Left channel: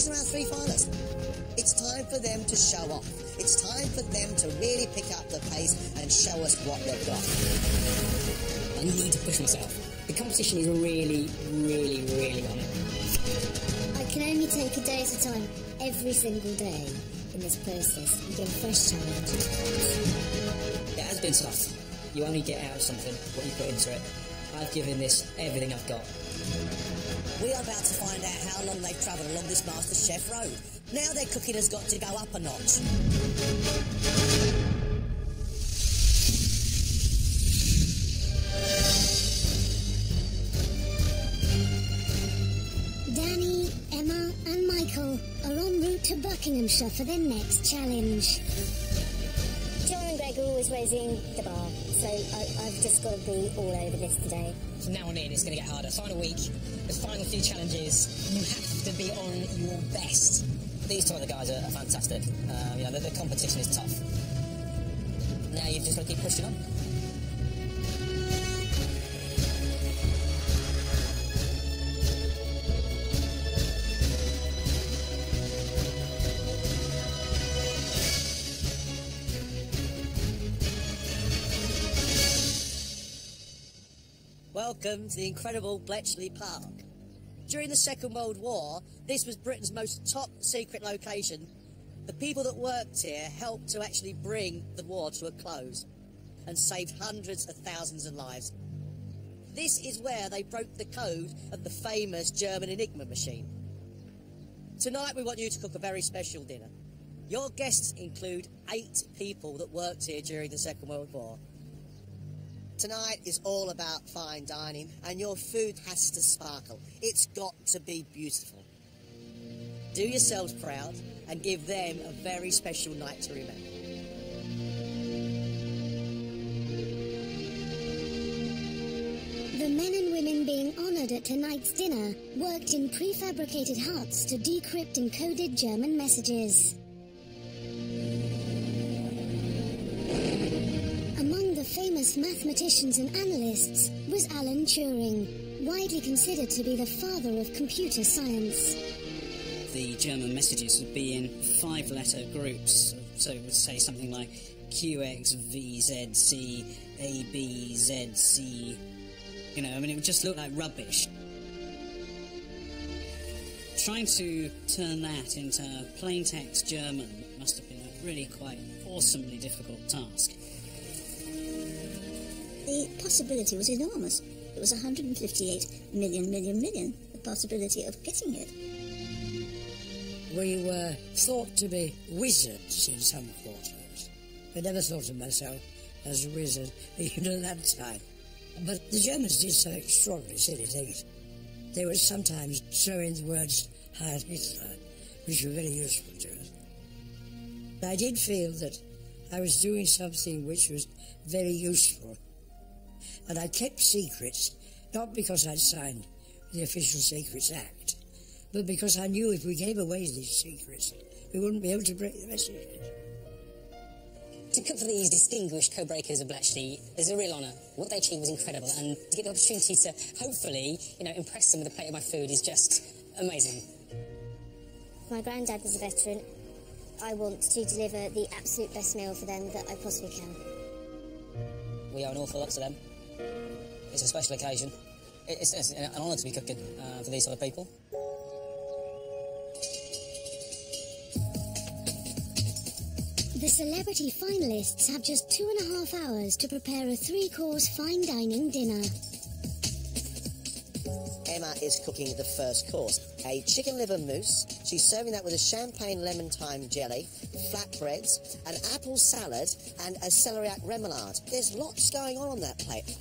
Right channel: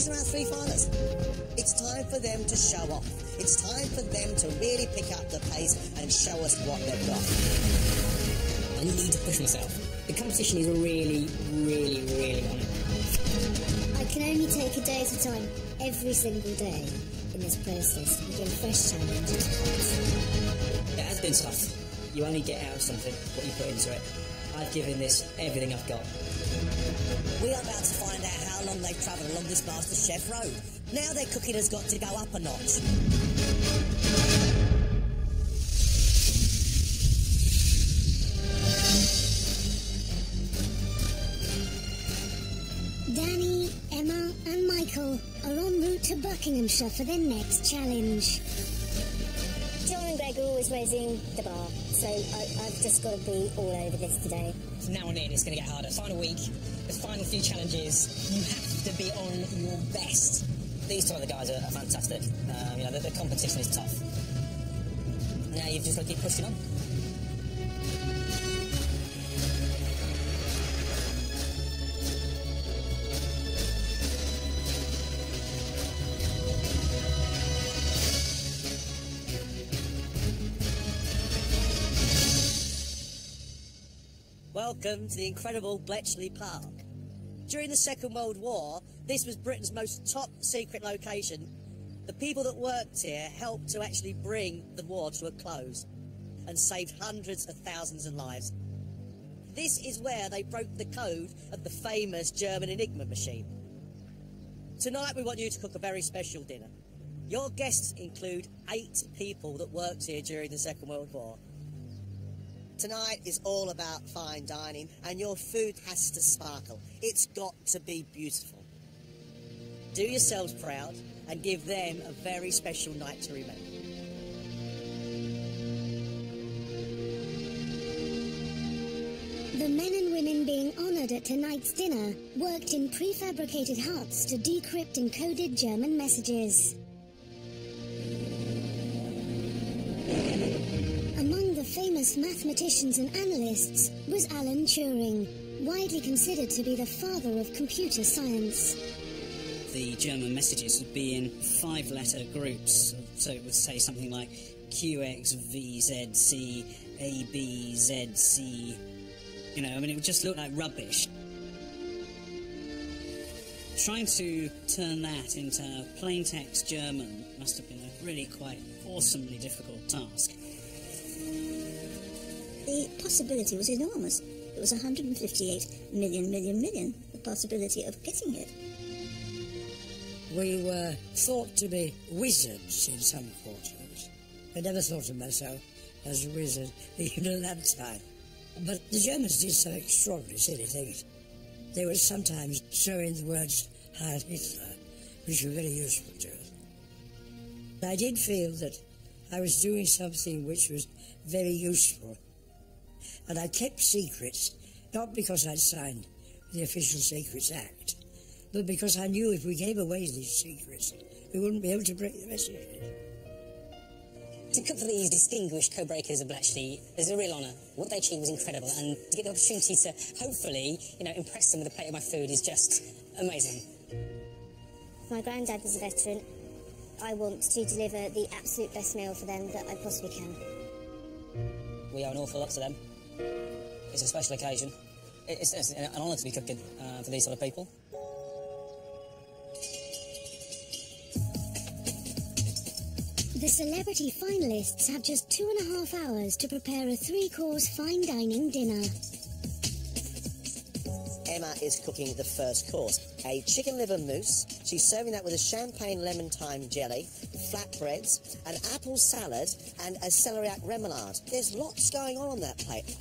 these are our three finalists. It's time for them to show off. It's time for them to really pick up the pace and show us what they've got. I need to push myself. The competition is really, really, really on it now. I can only take a day at a time, every single day in this process. You get a fresh challenge. It has been tough. You only get out of something what you put into it. I've given this everything I've got. We are about to find out how long they've travelled along this MasterChef road. Now their cooking has got to go up a notch. Danny, Emma and Michael are en route to Buckinghamshire for their next challenge. John and Greg are always raising the bar, so I've just got to be all over this today. From now on in, it's going to get harder. Final week, the final few challenges, you have to be on your best. These two other guys are fantastic. You know, the competition is tough. Now you've just got to keep pushing on. Welcome to the incredible Bletchley Park. During the Second World War, this was Britain's most top secret location. The people that worked here helped to actually bring the war to a close and saved hundreds of thousands of lives. This is where they broke the code of the famous German Enigma machine. Tonight we want you to cook a very special dinner. Your guests include 8 people that worked here during the Second World War. Tonight is all about fine dining, and your food has to sparkle. It's got to be beautiful. Do yourselves proud and give them a very special night to remember. The men and women being honoured at tonight's dinner worked in prefabricated huts to decrypt encoded German messages. Among the famous mathematicians and analysts was Alan Turing, widely considered to be the father of computer science. The German messages would be in 5-letter groups, so it would say something like QXVZC, ABZC. You know, I mean, it would just look like rubbish. Trying to turn that into plain text German must have been a really quite awesomely difficult task. The possibility was enormous. It was 158 million, the possibility of getting it. We were thought to be wizards in some quarters. I never thought of myself as a wizard, even at that time. But the Germans did some extraordinarily silly things. They would sometimes throw in the words Heil Hitler, which were very useful to us. I did feel that I was doing something which was very useful. And I kept secrets, not because I'd signed the Official Secrets Act, but because I knew if we gave away these secrets, we wouldn't be able to break the messages. To cook for these distinguished co-breakers of Bletchley is a real honour. What they achieved was incredible, and to get the opportunity to hopefully, impress them with a plate of my food is just amazing. My granddad was a veteran. I want to deliver the absolute best meal for them that I possibly can. We owe an awful lot to them. It's a special occasion. It's an honour to be cooking for these sort of people. The celebrity finalists have just 2.5 hours to prepare a 3-course fine dining dinner. Emma is cooking the first course, a chicken liver mousse. She's serving that with a champagne lemon thyme jelly, flatbreads, an apple salad and a celeriac remoulade. There's lots going on that plate.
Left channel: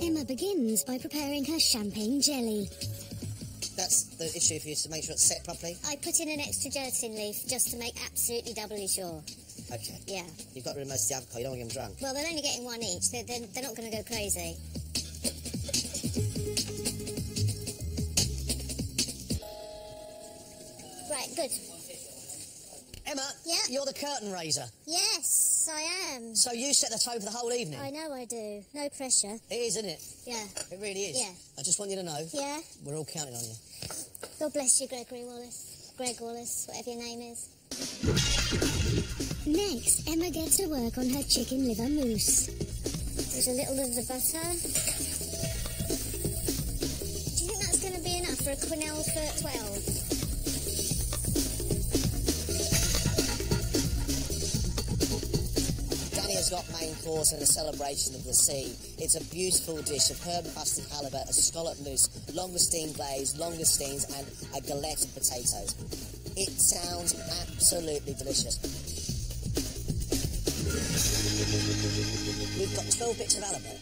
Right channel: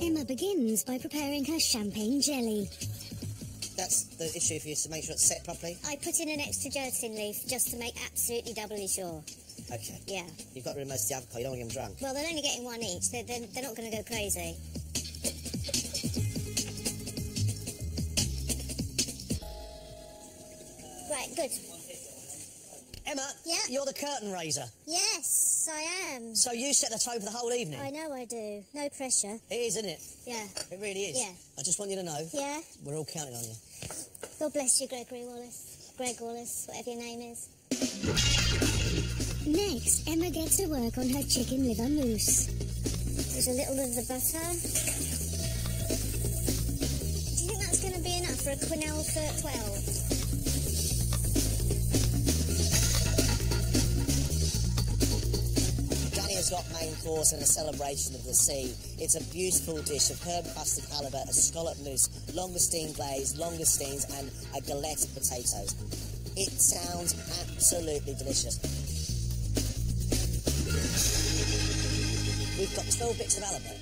Emma begins by preparing her champagne jelly. That's the issue for you, to make sure it's set properly? I put in an extra gelatin leaf just to make absolutely doubly sure. Okay. Yeah. You've got to remove most of the alcohol, you don't want to get them drunk. Well, they're only getting one each. They're not going to go crazy. Right, good. Emma, Yeah? you're the curtain raiser. Yes, I am. So you set the tone for the whole evening? I know I do. No pressure. It is, isn't it? Yeah. It really is. Yeah. I just want you to know. Yeah? We're all counting on you. God bless you, Gregory Wallace. Gregorless, whatever your name is. Next, Emma gets to work on her chicken liver mousse. There's a little of the butter. Do you think that's going to be enough for a quenelle for 12? Danny has got main course and a celebration of the sea. It's a beautiful dish of herb-crusted halibut, a scallop mousse, langoustine glaze, langoustines, and a galette of potatoes. It sounds absolutely delicious. We've got 12 bits of halibut,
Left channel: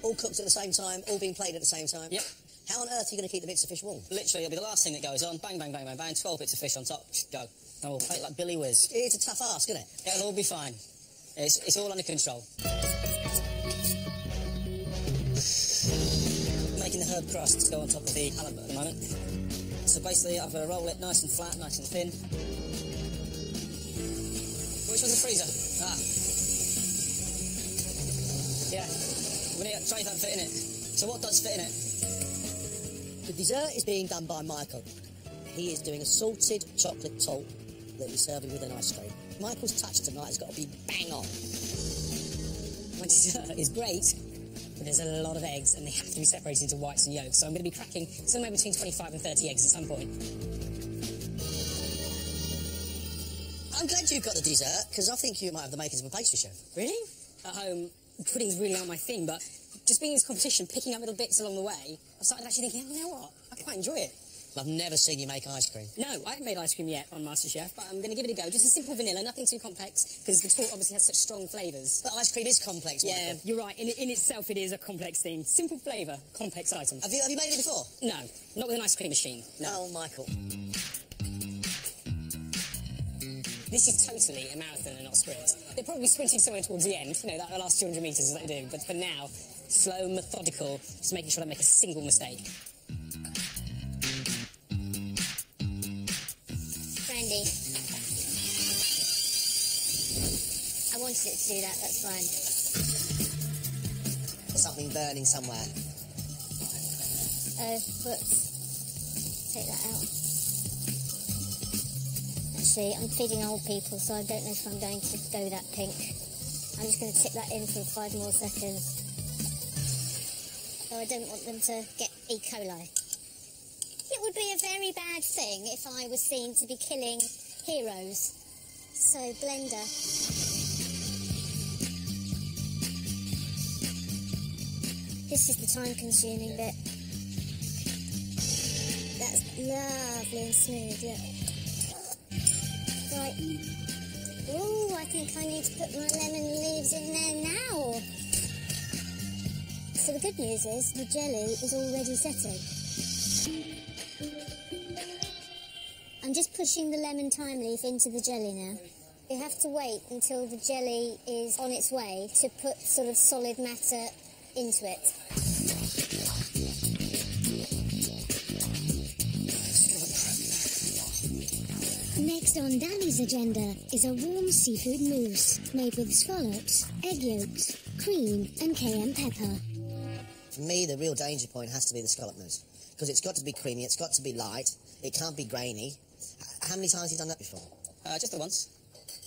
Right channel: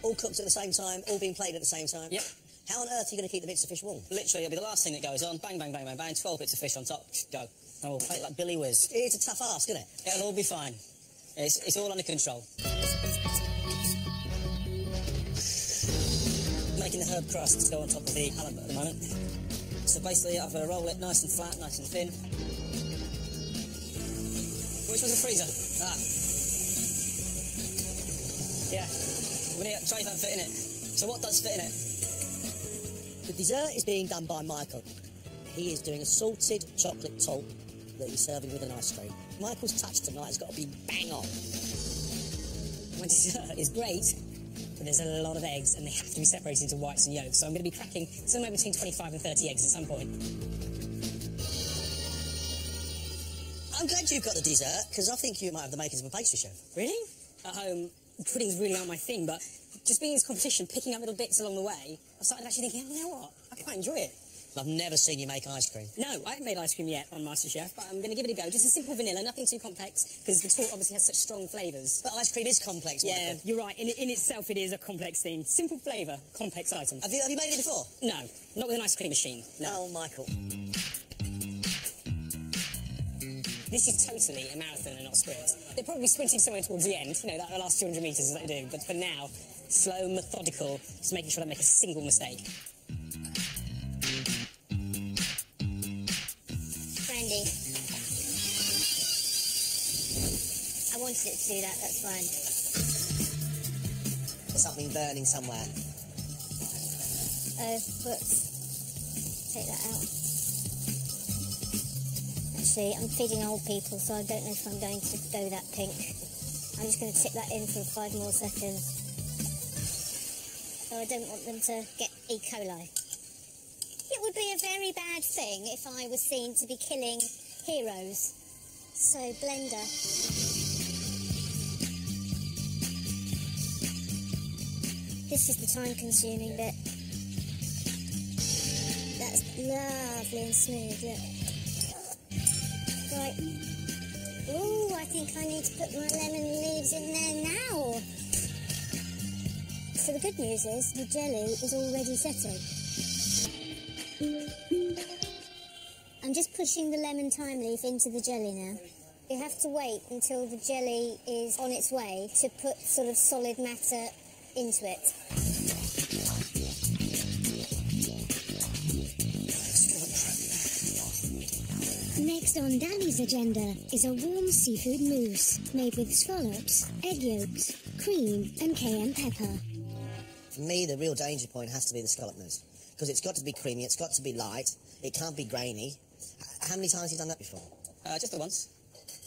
all cooked at the same time, all being plated at the same time. Yep. How on earth are you going to keep the bits of fish warm? Literally, it'll be the last thing that goes on. Bang, bang, bang, bang, bang. 12 bits of fish on top. Go. And we'll plate like Billy Whiz. It's a tough ask, isn't it? It'll all be fine. It's all under control. Making the herb crust to go on top of the halibut at the moment. So basically, I've got to roll it nice and flat, nice and thin. Which one's the freezer? Ah. Yeah. Trays don't fit in it. So what does fit in it? The dessert is being done by Michael. He is doing a salted chocolate tart that he's serving with an ice cream. Michael's touch tonight has got to be bang on. My dessert is great, but there's a lot of eggs and they have to be separated into whites and yolks, so I'm going to be cracking somewhere between 25 and 30 eggs at some point. I'm glad you've got the dessert, because I think you might have the makings of a pastry chef. Really? At home, puddings really aren't my thing, but just being in this competition, picking up little bits along the way, I started actually thinking, oh, you know what? I quite enjoy it. I've never seen you make ice cream. No, I haven't made ice cream yet on MasterChef, but I'm going to give it a go. Just a simple vanilla, nothing too complex, because the tart obviously has such strong flavours. But ice cream is complex, Michael. Yeah, you're right. In itself, it is a complex thing. Simple flavour, complex item. Have you made it before? No, not with an ice cream machine. No. Oh, Michael. This is totally a marathon and not a sprint. They're probably sprinting somewhere towards the end, you know, that the last 200 metres is what they do. But for now, slow, methodical, just making sure I don't make a single mistake. Brandy. I wanted it to do that, that's fine. Or something burning somewhere. Oh, whoops. Take that out. Actually, I'm feeding old people, so I don't know if I'm going to go that pink. I'm just going to tip that in for 5 more seconds. So I don't want them to get E. coli. It would be a very bad thing if I was seen to be killing heroes. So, blender. This is the time-consuming bit. That's lovely and smooth, look. Right. Ooh, I think I need to put my lemon leaves in there now. So the good news is the jelly is already setting. I'm just pushing the lemon thyme leaf into the jelly now. You have to wait until the jelly is on its way to put sort of solid matter into it. Next on Danny's agenda is a warm seafood mousse made with scallops, egg yolks, cream and cayenne pepper. For me, the real danger point has to be the scallop mousse, because it's got to be creamy, it's got to be light, it can't be grainy. How many times have you done that before? Just the once.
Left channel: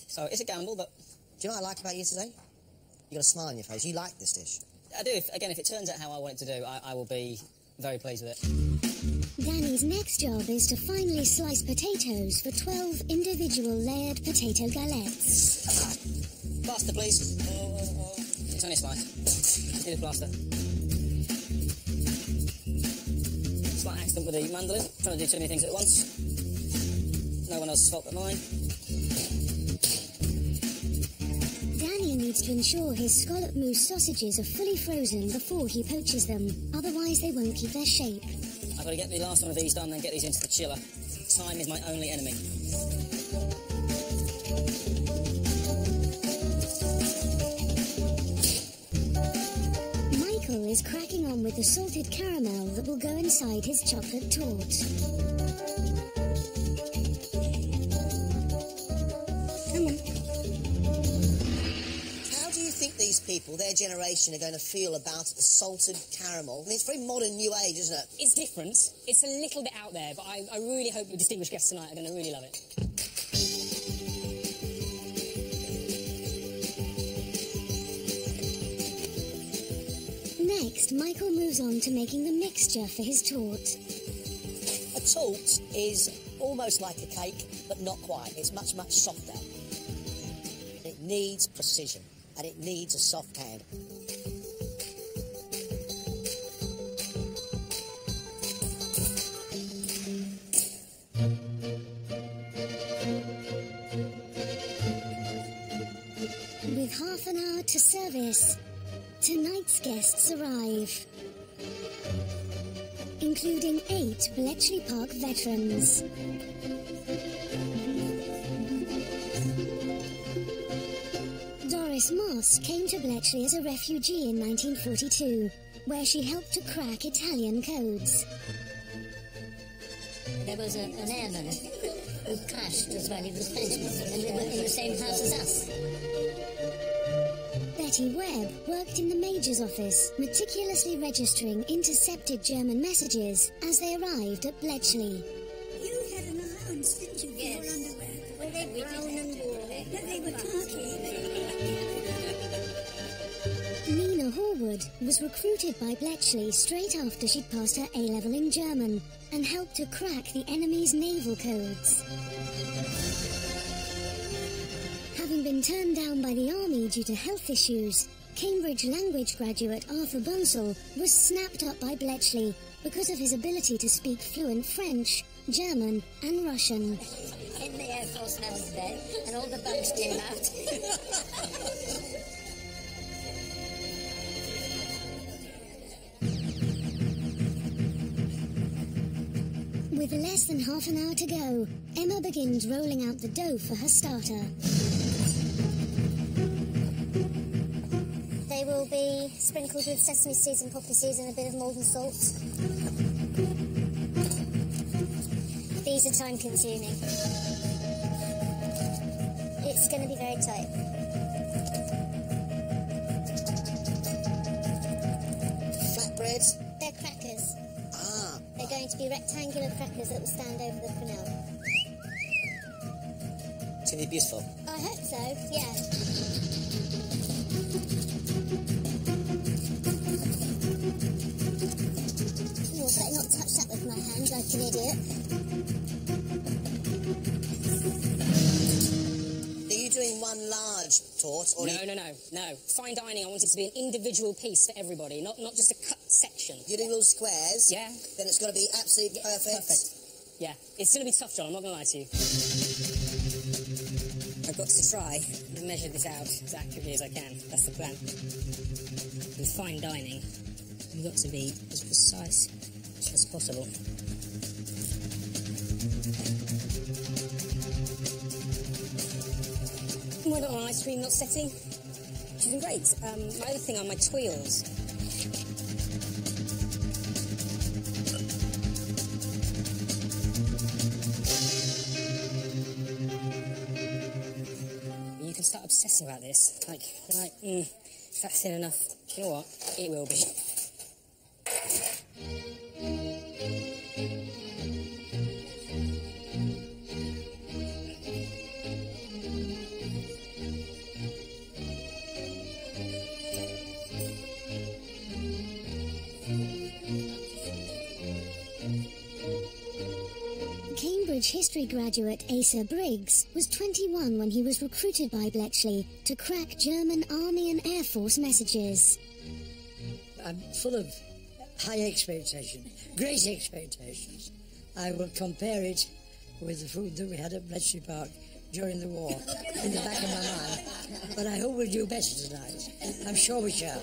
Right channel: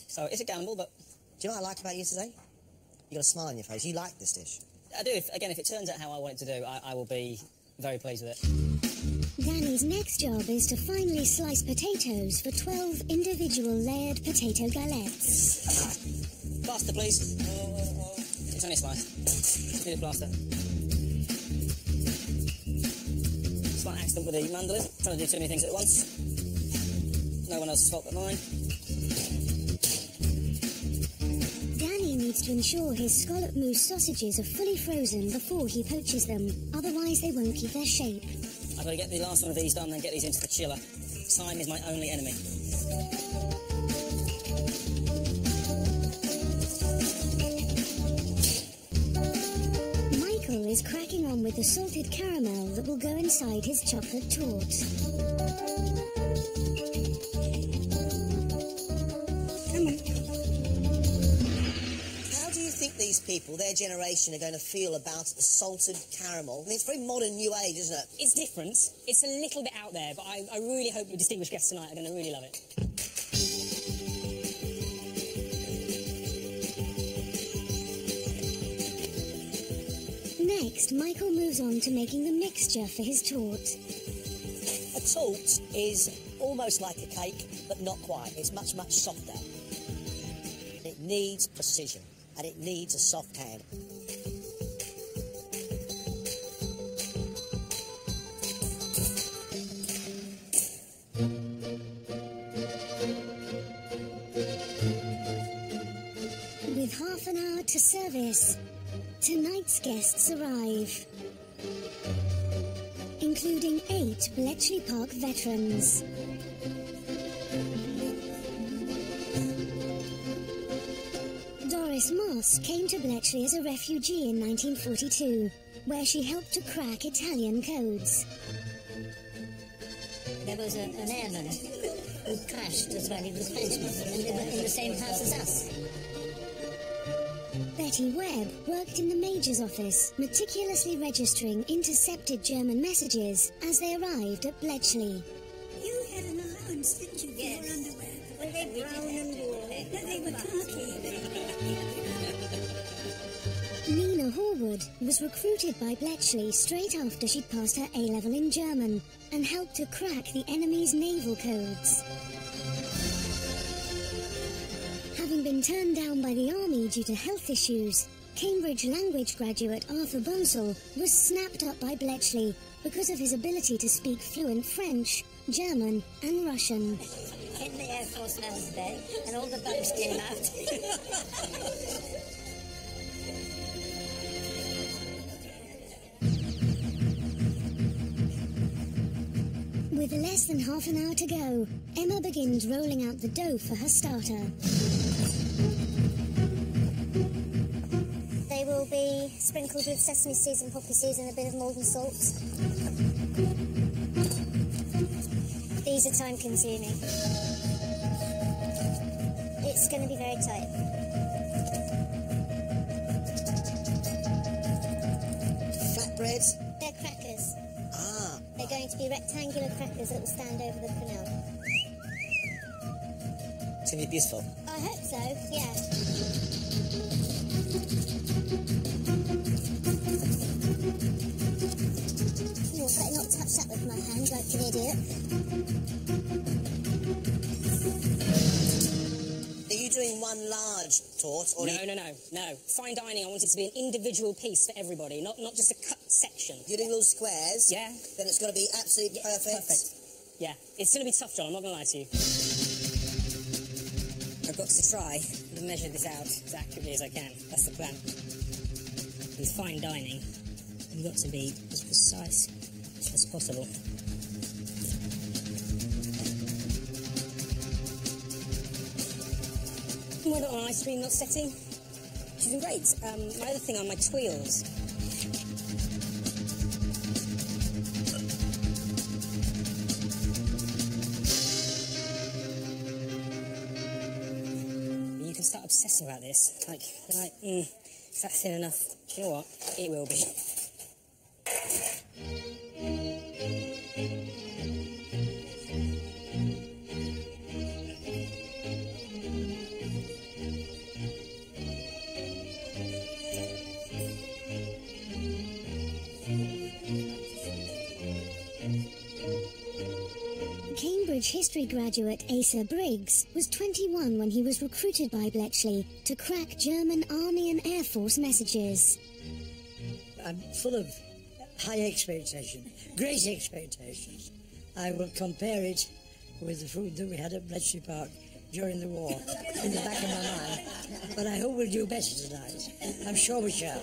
So it's a gamble, but... Do you know what I like about you today? You got a smile on your face. You like this dish. I do. If it turns out how I want it to do, I will be very pleased with it. Danny's next job is to finely slice potatoes for 12 individual layered potato galettes. Plaster, please. It's only a slice. Just need a plaster. Slight accident with the mandolin. Trying to do too many things at once. No one else's fault but mine. Danny needs to ensure his scallop mousse sausages are fully frozen before he poaches them. Otherwise, they won't keep their shape. I've got to get the last one of these done, then get these into the chiller. Time is my only enemy. Michael is cracking on with the salted caramel that will go inside his chocolate tart. Come on. How do you think think these people, their generation, are going to feel about salted caramel? I mean, it's very modern, new age, isn't it? It's different. It's a little bit out there, but I really hope the distinguished guests tonight are going to really love it. Next, Michael moves on to making the mixture for his torte. A torte is almost like a cake, but not quite. It's much, much softer. It needs precision, and it needs a soft hand. With half an hour to service, tonight's guests arrive, including 8 Bletchley Park veterans. Doris Moss came to Bletchley as a refugee in 1942, where she helped to crack Italian codes. There was an airman who crashed as well. He was a Frenchman, and they were in the same house as us. Betty Webb worked in the Major's office, meticulously registering intercepted German messages as they arrived at Bletchley. You had an allowance, didn't you, for your underwear? Were they brown and wool? No, they were khaki. Nina Horwood was recruited by Bletchley straight after she'd passed her A-level in German and helped to crack the enemy's naval codes. Having been turned down by the army due to health issues, Cambridge language graduate Arthur Bonsall was snapped up by Bletchley because of his ability to speak fluent French, German and Russian. In the Air Force last day, and all the bugs came out. With less than half an hour to go, Emma begins rolling out the dough for her starter. They will be sprinkled with sesame seeds and poppy seeds and a bit of Maldon salt. These are time-consuming. It's going to be very tight. Flatbreads? They're crackers. Ah. They're going to be rectangular crackers that will stand over the quenelle. It's going to be beautiful. I hope so, yeah. Oh, I better not touch that with my hand like an idiot. Are you doing one large torte? Or No. Fine dining, I want it to be an individual piece for everybody, not just a cut section. You're doing little squares? Yeah. Then it's got to be absolutely perfect? Perfect. Yeah. It's going to be tough, John, I'm not going to lie to you. I've got to try to measure this out as accurately as I can. That's the plan. With fine dining, you've got to be as precise as possible. Why not on ice cream not setting? She's been great. My other thing are my twirls. You can start obsessing about this. Like, is that thin enough? You know what? It will be. Cambridge history graduate Asa Briggs was 21 when he was recruited by Bletchley to crack German Army and Air Force messages. I'm full of high expectation, great expectations. I will compare it with the food that we had at Bletchley Park during the war in the back of my mind. But I hope we'll do better tonight. I'm sure we shall.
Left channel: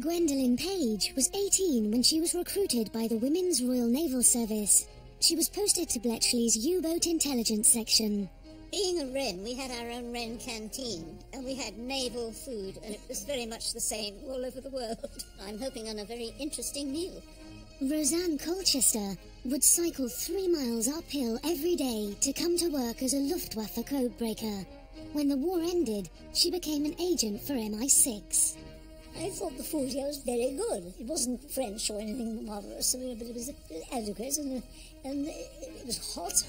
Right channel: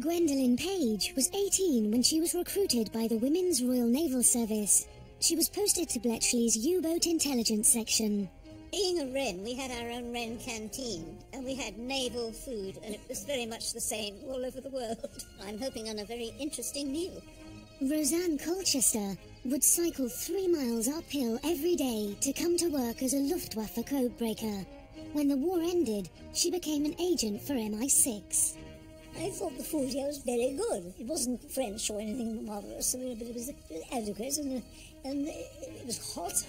Gwendolyn Page was 18 when she was recruited by the Women's Royal Naval Service. She was posted to Bletchley's U-boat intelligence section. Being a Wren, we had our own Wren canteen, and we had naval food, and it was very much the same all over the world. I'm hoping on a very interesting meal. Roseanne Colchester would cycle 3 miles uphill every day to come to work as a Luftwaffe codebreaker. When the war ended, she became an agent for MI6. I thought the food here was very good. It wasn't French or anything marvellous, but it was adequate and it was hot.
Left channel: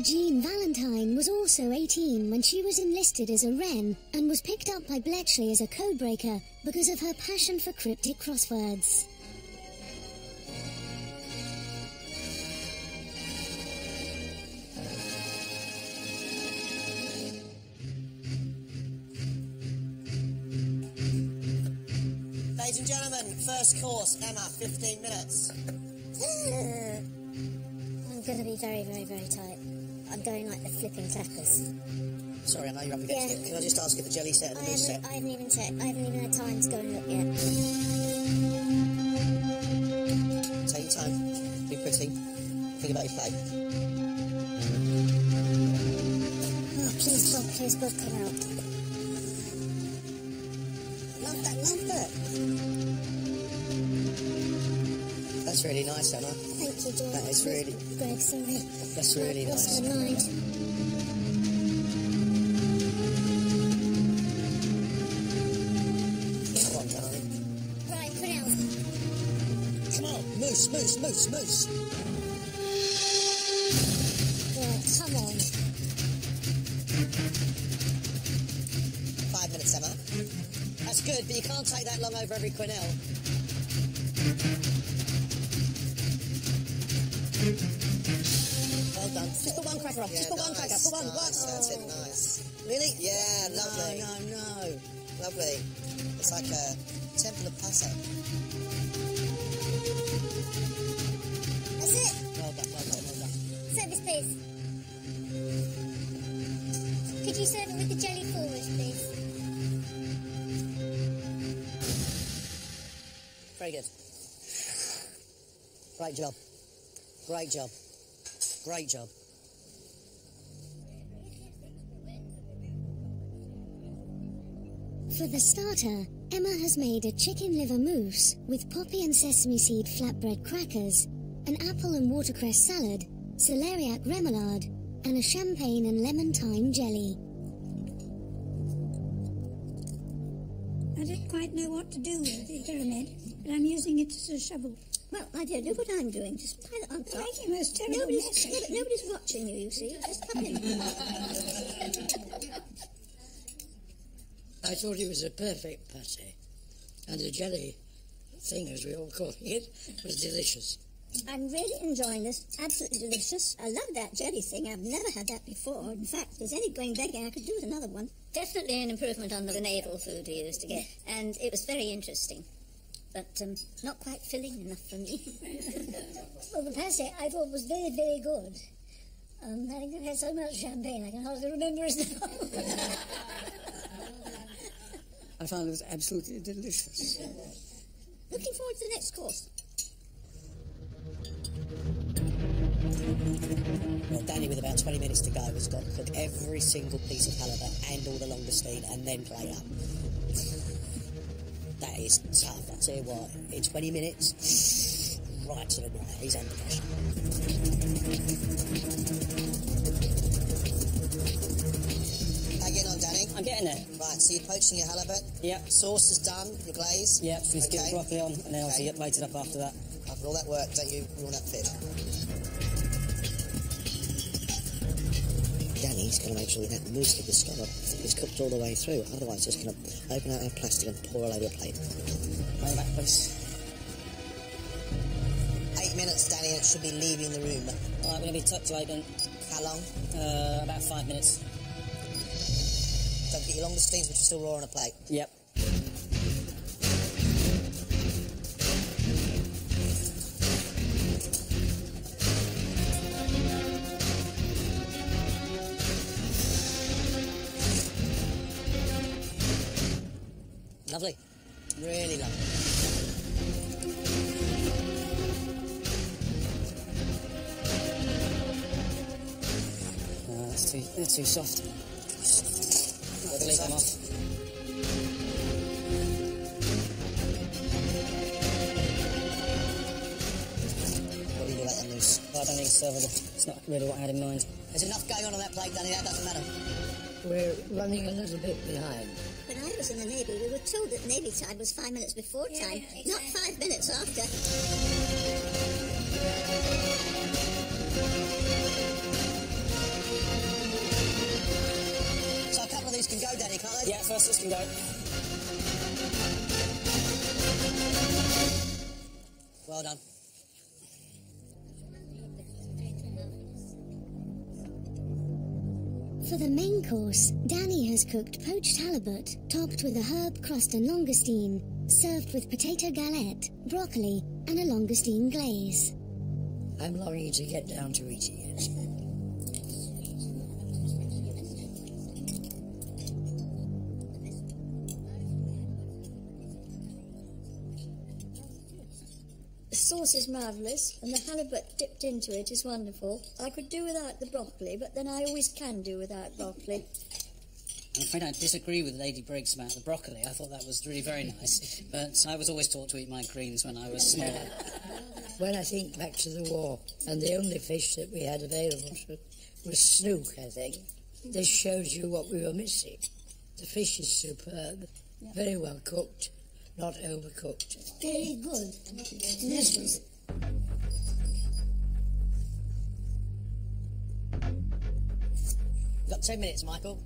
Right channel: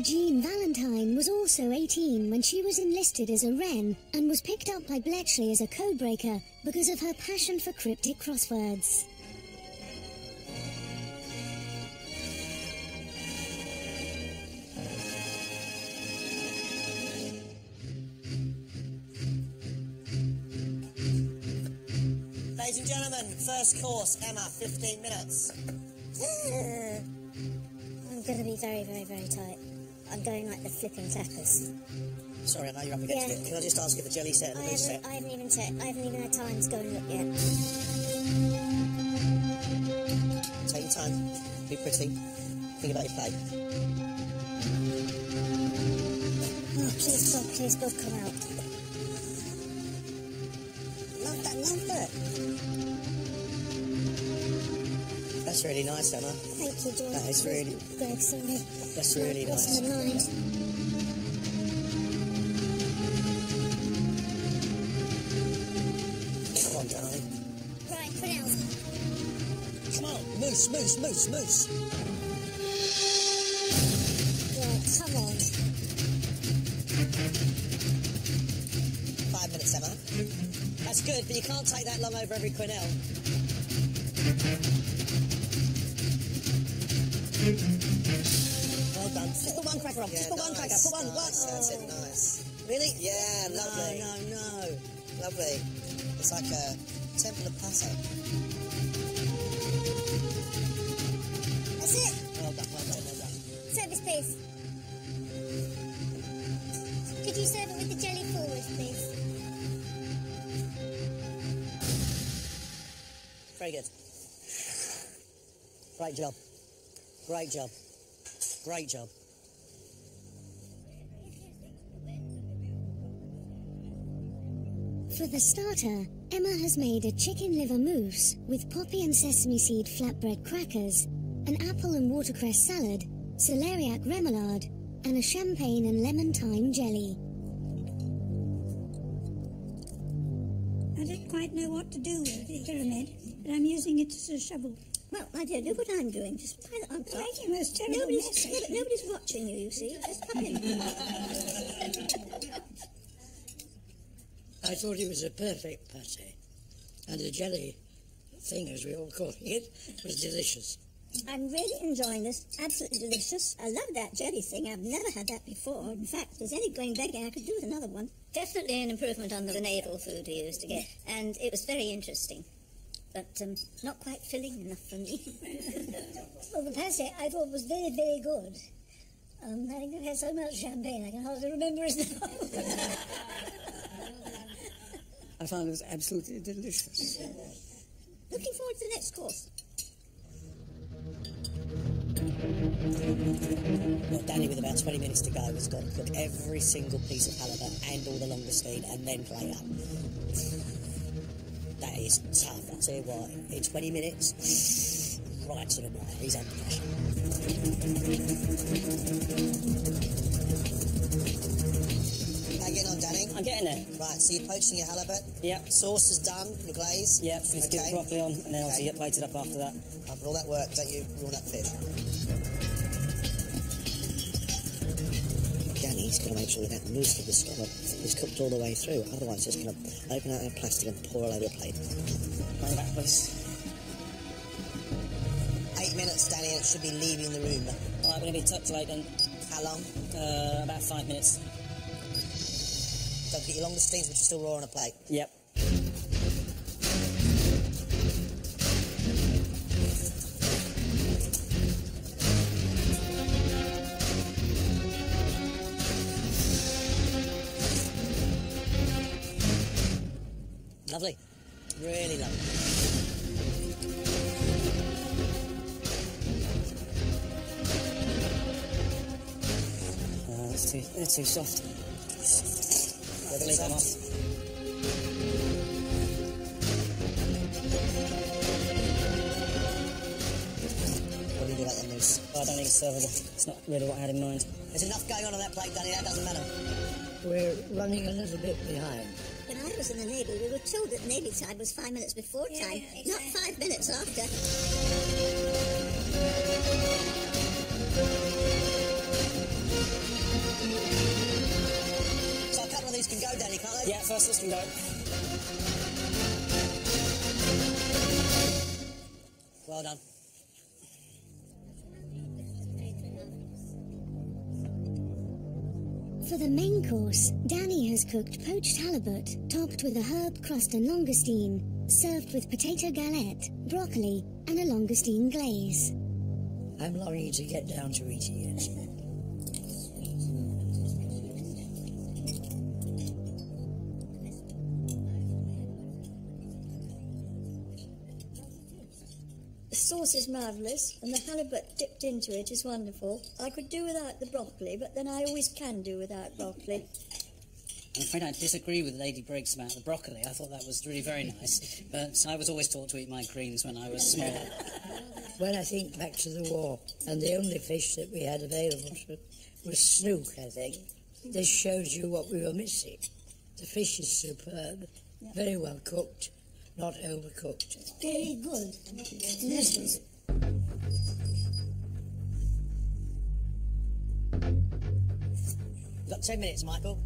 Jean Valentine was also 18 when she was enlisted as a Wren and was picked up by Bletchley as a codebreaker because of her passion for cryptic crosswords. Ladies and gentlemen, first course, Emma, 15 minutes. I'm going to be very, very, very tight. I'm going like the flipping clappers. Sorry, I know you're up against Yeah. it. Can I just ask if the jelly set and the mousse set? I haven't even checked. I haven't even had time to go and look yet. Take your time. Be pretty. Think about your plate. Oh, please God, come out. Love that, love that. That's really nice, Emma. Thank you, John. That is really... Greg, sorry. That's really I've lost nice. my mind. Come on, darling. Right, Quenelle. Come on, mousse, mousse, mousse, mousse. Right, come on. 5 minutes, Emma. That's good, but you can't take that long over every quenelle. Well done. Just put one cracker on. Yeah, Just put one nice, cracker. Put one. nice, One. that's it, nice. Really? Yeah, lovely. No. Lovely. It's like a temple of pate. That's it. Well done, well done, well done. Service, please. Could you serve it with the jelly forward, please? Very good. Great job. Great job. Great job. For the starter, Emma has made a chicken liver mousse with poppy and sesame seed flatbread crackers, an apple and watercress salad, celeriac remoulade, and a champagne and lemon thyme jelly. I don't quite know what to do with the pyramid, but I'm using it as a shovel. Well, my dear, do what I'm doing. Just pile it on top. Making a most terrible mess. Yeah, but nobody's watching you, you see. Just come in. I thought it was a perfect pate, and the jelly thing, as we all call it, was delicious. I'm really enjoying this. Absolutely delicious. I love that jelly thing. I've never had that before. In fact, if there's any going begging, I could do with another one. Definitely an improvement on the naval food we used to get. And it was very interesting. But not quite filling enough for me. Well, the pate I thought was very, very good. I think I've had so much champagne I can hardly remember it now. I found it was absolutely delicious. Looking forward to the next course. Well, Danny, with about 20 minutes to go, has got to cook every single piece of halibut and all the langoustine and then plate up. That is tough. I'll tell you what, in 20 minutes, right to the wire. He's under pressure. How you getting on, Danny? I'm getting there. Right, so you're poaching your halibut. Yep. Sauce is done, your glaze. Yep, so let's get the broccoli on and then obviously get plated up after that. After all that work, don't you ruin that fish. Danny's got to make sure that mousse of the scallop is cooked all the way through. Otherwise, it's going to open out our plastic and pour all over the plate. Bring it back, please. 8 minutes, Danny, and it should be leaving the room. All right, we're going to be tucked late then. How long? About 5 minutes. Don't forget your langoustines, which are still raw on a plate. Yep. Lovely. Really lovely. They're too soft. I'll leave them off. What do you do about the mousse? I don't think it's servable. It's not really what I had in mind. There's enough going on that plate, Danny, that doesn't matter. We're running a little bit behind. When I was in the Navy, we were told that Navy time was 5 minutes before time, not 5 minutes after. So a couple of these can go, Danny, can't they? Yeah, first this can go. Well done. For the main course, Danny has cooked poached halibut, topped with a herb crust and langoustine, served with potato galette, broccoli, and a langoustine glaze. I'm longing to get down to eating it. The sauce is marvellous, and the halibut dipped into it is wonderful. I could do without the broccoli, but then I always can do without broccoli. I'm afraid I disagree with Lady Briggs about the broccoli. I thought that was really very nice, but I was always taught to eat my greens when I was small. When I think back to the war, and the only fish that we had available was snook, I think. This shows you what we were missing. The fish is superb, very well cooked, not overcooked. Very good. Delicious. You've got 10 minutes, Michael.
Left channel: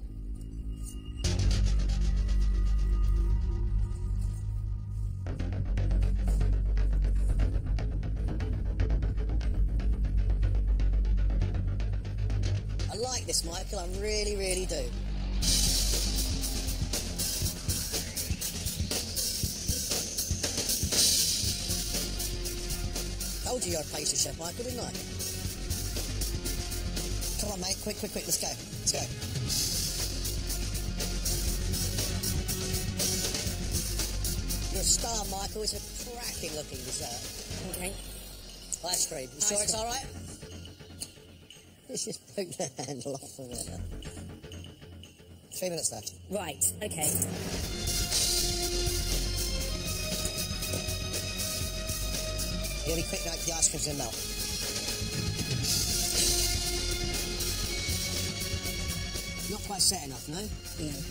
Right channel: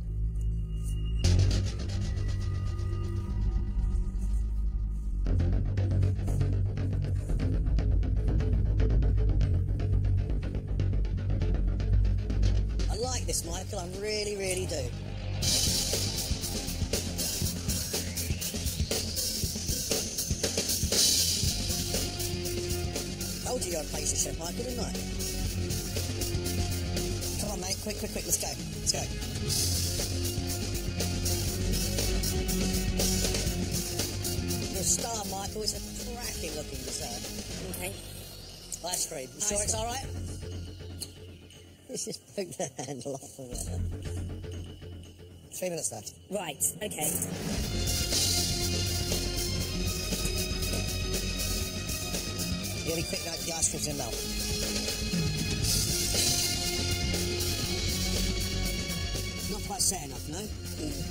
I like this, Michael, I really, really do. Told you you're a pastry chef, Michael, didn't I? Come on, mate, quick, let's go. Let's go. You're a star, Michael. It's a cracking-looking dessert. Okay. Ice cream. You sure it's all right? Let's just poke the handle off of it. 3 minutes left. Right, okay. You gotta be quick now, the ice cream's gonna melt. Not quite set enough, no? No.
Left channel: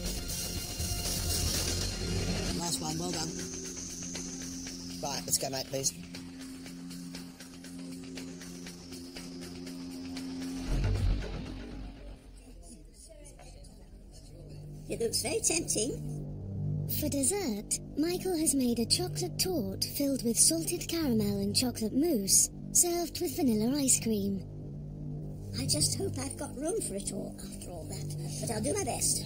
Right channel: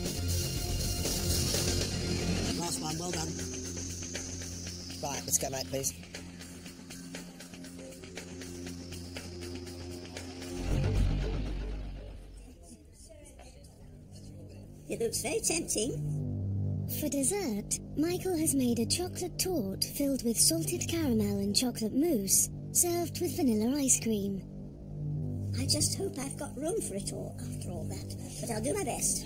Last one, well done. Right, let's go, mate, please. It looks very tempting. For dessert, Michael has made a chocolate torte filled with salted caramel and chocolate mousse, served with vanilla ice cream. I just hope I've got room for it all after all that, but I'll do my best.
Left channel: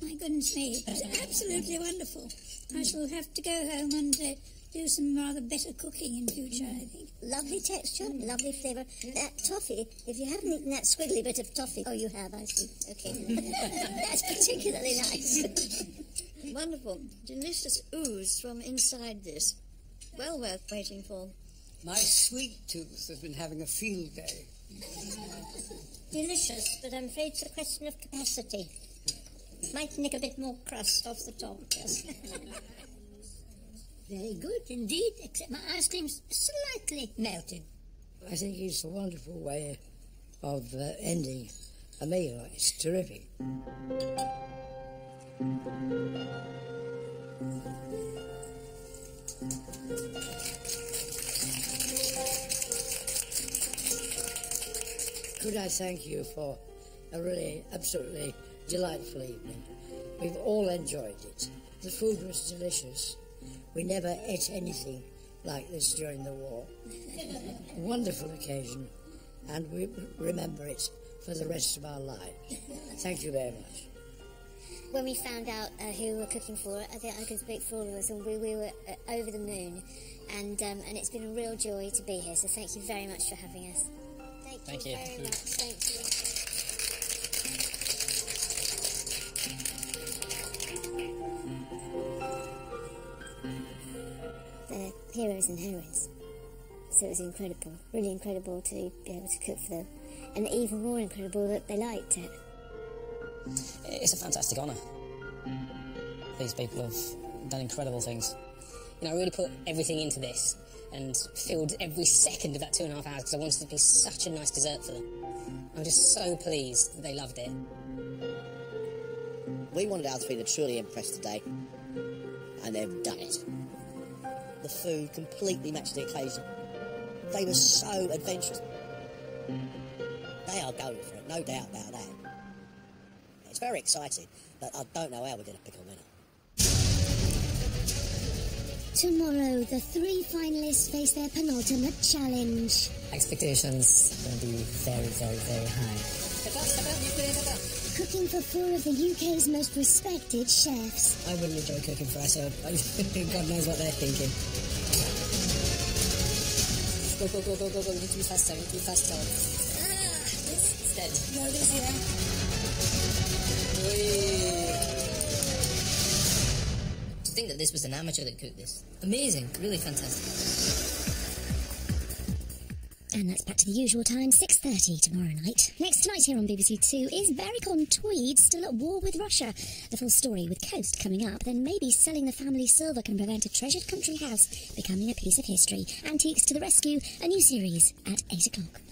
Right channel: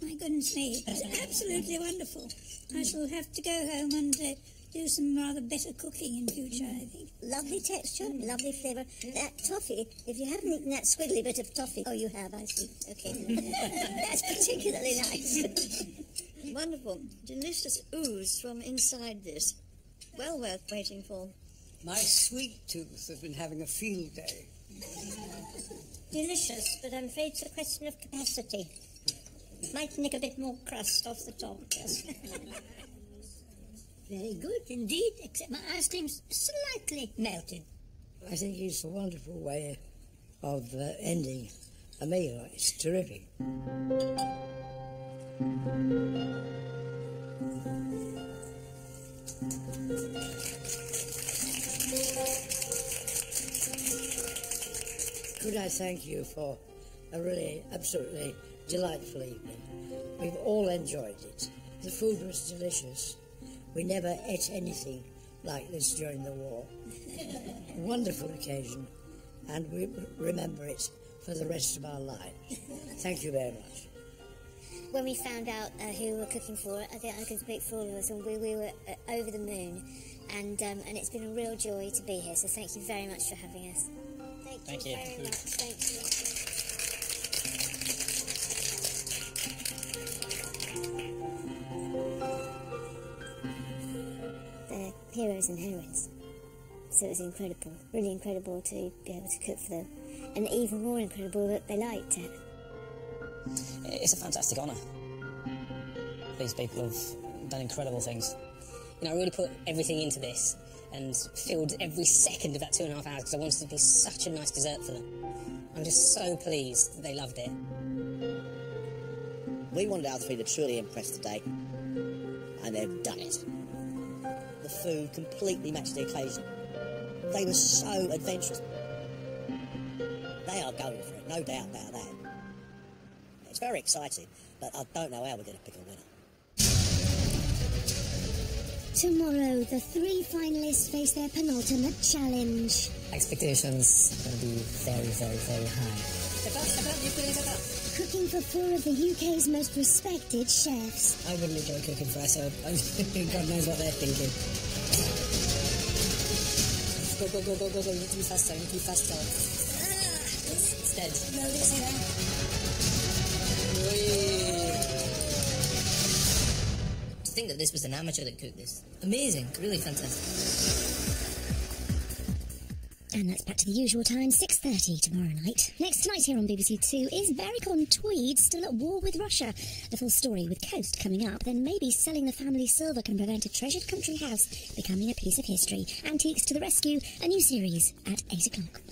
My goodness me, it was absolutely wonderful. I shall have to go home and do some rather better cooking in future, I think. Lovely texture, lovely flavour. That toffee, if you haven't eaten that squiggly bit of toffee... Oh, you have, I see. Okay. That's particularly nice. Wonderful. Delicious ooze from inside this. Well worth waiting for. My sweet tooth has been having a field day. Delicious, but I'm afraid it's a question of capacity. Might nick a bit more crust off the top, yes. Very good indeed, except my ice cream's slightly melted. I think it's a wonderful way of ending a meal. It's terrific. Could I thank you for a really, absolutely delightful evening. We've all enjoyed it. The food was delicious. We never ate anything like this during the war. Wonderful occasion, and we remember it for the rest of our lives. Thank you very much. When we found out who we were cooking for, I think I can speak for all of us, and we were over the moon, and it's been a real joy to be here, so thank you very much for having us. Thank you very much. Thank you. They're heroes and heroines. So it was incredible, really incredible to be able to cook for them. And even more incredible that they liked it. It's a fantastic honour. These people have done incredible things. You know, I really put everything into this and filled every second of that 2.5 hours because I wanted it to be such a nice dessert for them. I'm just so pleased that they loved it. We wanted our three to truly impress today, and they've done it. The food completely matched the occasion. They were so adventurous. They are going for it, no doubt about that. It's very exciting, but I don't know how we're going to pick a winner. Tomorrow, the 3 finalists face their penultimate challenge. Expectations are going to be very, very, very high. Pepper, you put in pepper. Cooking for 4 of the UK's most respected chefs. I wouldn't enjoy cooking for us, so God knows what they're thinking. Go, go, go, go, go, go. You need to be faster, you need to be faster. It's dead. No, didn't see that. To think that this was an amateur that cooked this. Amazing, really fantastic. And that's back to the usual time, 6:30 tomorrow night. Next tonight here on BBC Two, is Berwick-on-Tweed still at war with Russia? The full story with Coast coming up. Then maybe selling the family silver can prevent a treasured country house becoming a piece of history. Antiques to the rescue, a new series at 8 o'clock.